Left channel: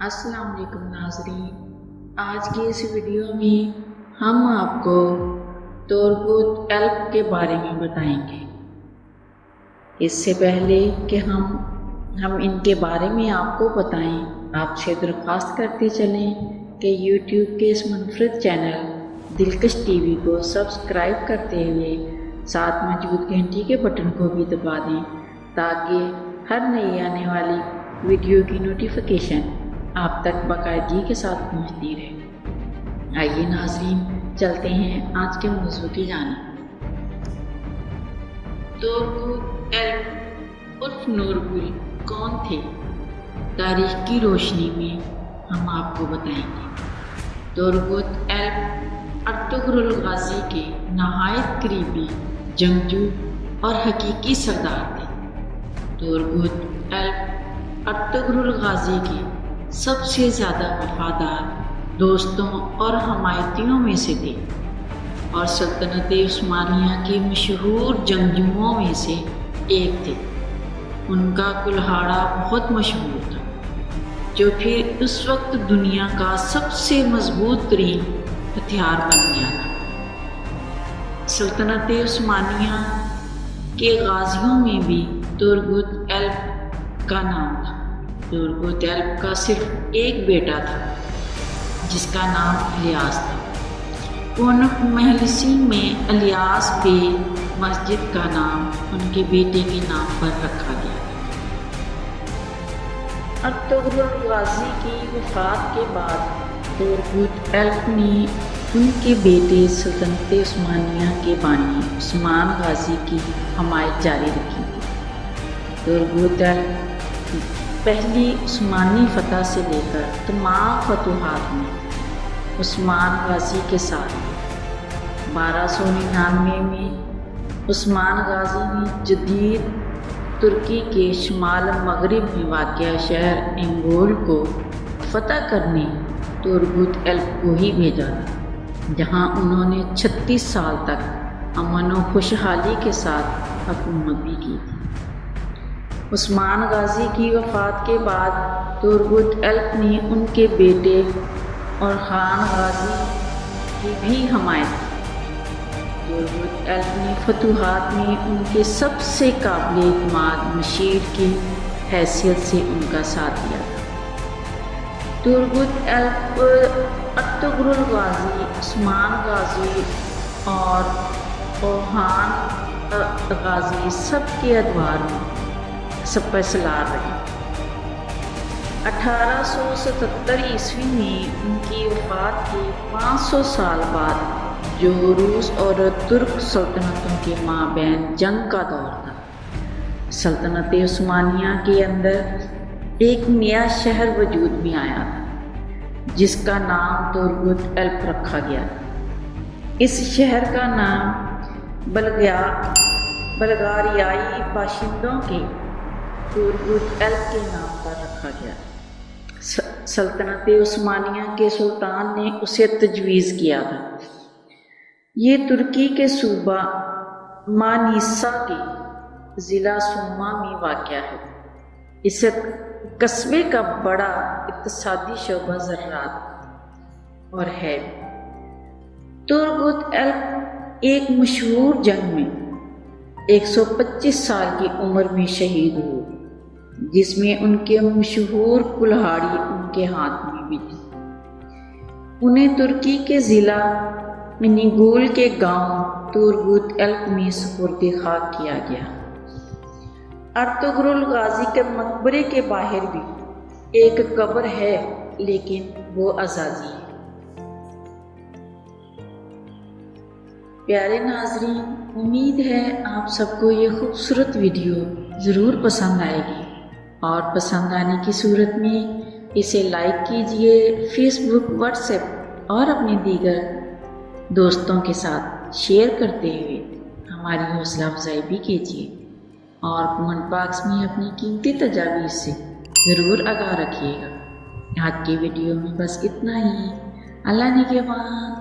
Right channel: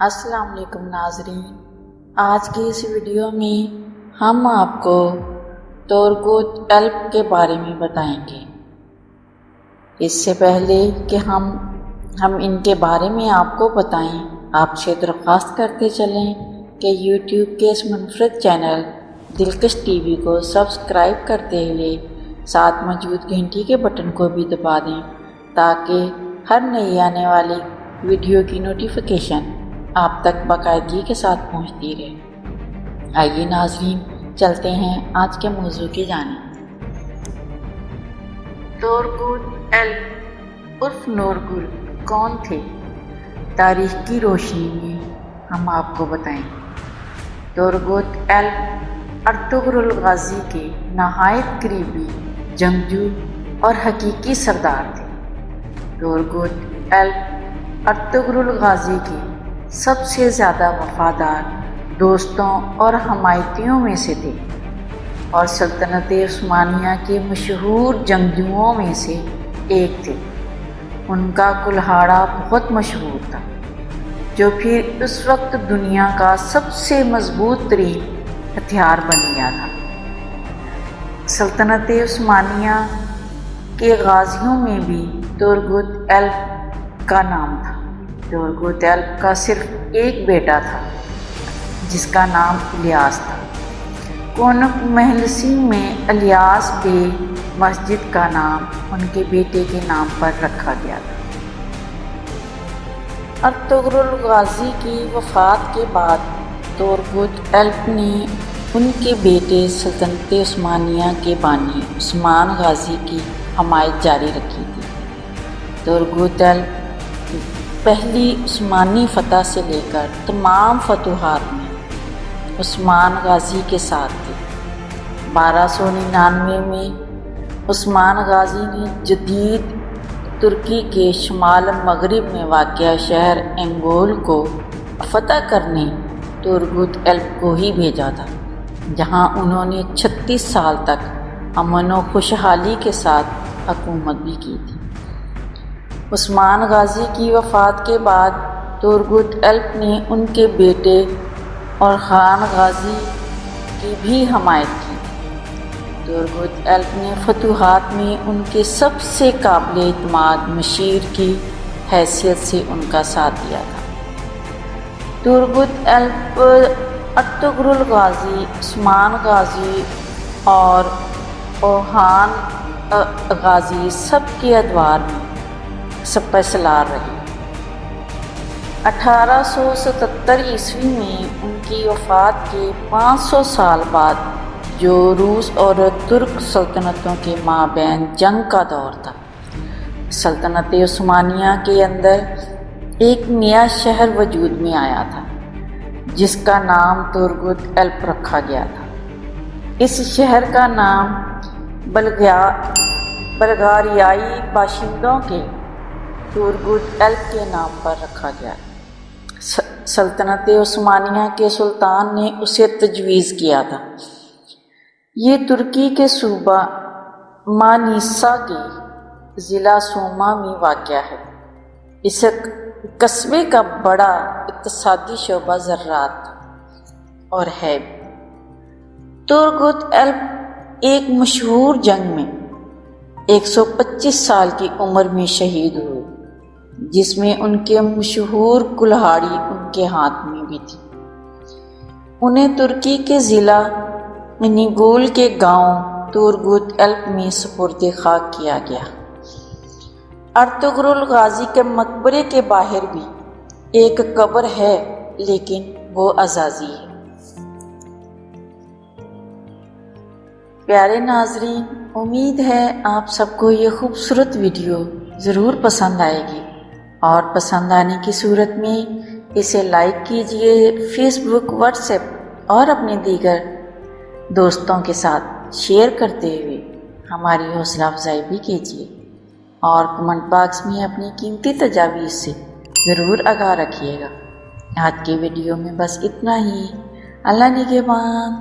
السلام علیکم ناظرین، آج کی اس ویڈیو میں ہم آپ کو تورگوت ایلپ کے بارے میں بتائیں گے۔ اس سے پہلے کہ ہم ان کے بارے میں آپ کو بتائیں، آپ سے درخواست کرتے چلیں کہ یوٹیوب کے اس منفرد چینل دلکش ٹی وی کو سبسکرائب کرتے ہوئے ساتھ موجود گھنٹی کے بٹن کو بھی دبا دیں تاکہ ہر نئی آنے والی ویڈیو کی نوٹیفیکیشن آپ تک باقاعدگی کے ساتھ پہنچتی رہے۔ آئیے ناظرین، چلتے ہیں آج کے موضوع کی جانب۔ تورگوت ایلپ عرف نورگل کون تھے؟ تاریخ کی روشنی میں ہم آپ کو بتائیں گے۔ تورگوت ایلپ ارطغرل غازی کے نہایت قریبی جنگجو اور حقیقی سردار تھے۔ تورگوت ایلپ ارطغرل غازی کے سب سے زیادہ وفادار دوستوں اور حمایتیوں میں سے تھے اور سلطنت عثمانیہ کے مشہور جنگجوؤں میں سے ایک تھے۔ ان کا کلہاڑا بہت مشہور تھا جو پھر اس وقت دنیا کا سب سے مضبوط ترین ہتھیار بن گیا تھا۔ سلطنت عثمانیہ کے غازیوں میں بھی تورگوت ایلپ کا نام تھا۔ تورگوت ایلپ کا صرف ایک بیٹا تھا جس کا نام الیاس تھا۔ کونک محلسی میں الیاس بے مسجد کا نام ان کے بیٹے کے نام پر رکھا گیا تھا۔ ارطغرل غازی کی وفات کے بعد تورگوت ایلپ نے ان کے بیٹے سلطنت عثمانیہ کے بانی عثمان غازی کی حمایت جاری رکھی تھی۔ تورگوت ایلپ پہلی عثمانی فتح سے لے کر تمام فتوحات میں عثمان غازی کے ساتھ تھے۔ 1299 میں عثمان غازی نے جدید ترکی کے شمال مغرب میں واقع شہر انگول کو فتح کرنے تورگوت ایلپ کو ہی بھیجا تھا، جہاں انہوں نے 36 سال تک امن و خوشحالی کے ساتھ حکومت بھی کی تھی۔ عثمان غازی کی وفات کے بعد تورگوت ایلپ نے ان کے بیٹے اور خان غازی کی بھی حمایت کی۔ تورگوت ایلپ نے فتوحات میں ان کے سب سے قابل اعتماد مشیر کی حیثیت سے ان کا ساتھ دیا تھا۔ تورگوت ایلپ ارطغرل غازی، عثمان غازی اور اوہان غازی سب کے ادوار میں سپہ سالار رہے۔ 1877 عیسوی میں ان کی وفات کے 500 سال بعد جو روس اور ترک سلطنتوں کے مابین جنگ کا دور تھا، سلطنت عثمانیہ کے اندر ایک نیا شہر وجود میں آیا تھا جس کا نام تورگوت ایلپ رکھا گیا تھا۔ اس شہر کا نام بلغاریائی باشندوں کے تورگوت ایلپ کے نام پر رکھا گیا۔ سلطنت عثمانیہ کے سلطان نے اسے تجویز کیا تھا۔ یہ ترکی کے صوبہ مانیسا کے ضلع سوما میں واقع ہے۔ اس قصبے کا بڑا اقتصادی شعبہ زراعت تھا اور ہے بھی۔ تورگوت ایلپ ایک مشہور جنگ میں 125 سال کی عمر میں شہید ہوئے، جس میں ان کے مشہور کلہاڑی ان کے ہاتھ میں بھی تھی۔ انہیں ترکی کے ضلع انیگول کے گاؤں تورگوت ایلپ میں سپرد خاک کیا گیا۔ ارطغرل غازی کے مقبرے کے باہر بھی ایک قبر ہے، لیکن وہ اعزازی ہے۔ پیارے ناظرین، امید ہے آپ سب کو یہ خوبصورت ویڈیو ضرور پسند آئے گی، اور پسند آنے کی صورت میں اسے لائک کیجئے، فیس بک، واٹس ایپ اور اپنے دیگر دوستوں کے ساتھ شیئر کرتے ہوئے ہماری حوصلہ افزائی بھی کیجئے، اور کمنٹ باکس میں اپنی قیمتی تجاویز سے ضرور آگاہ رکھیے گا۔ آج کی ویڈیو میں بس اتنا ہی۔ اللہ نگہبان۔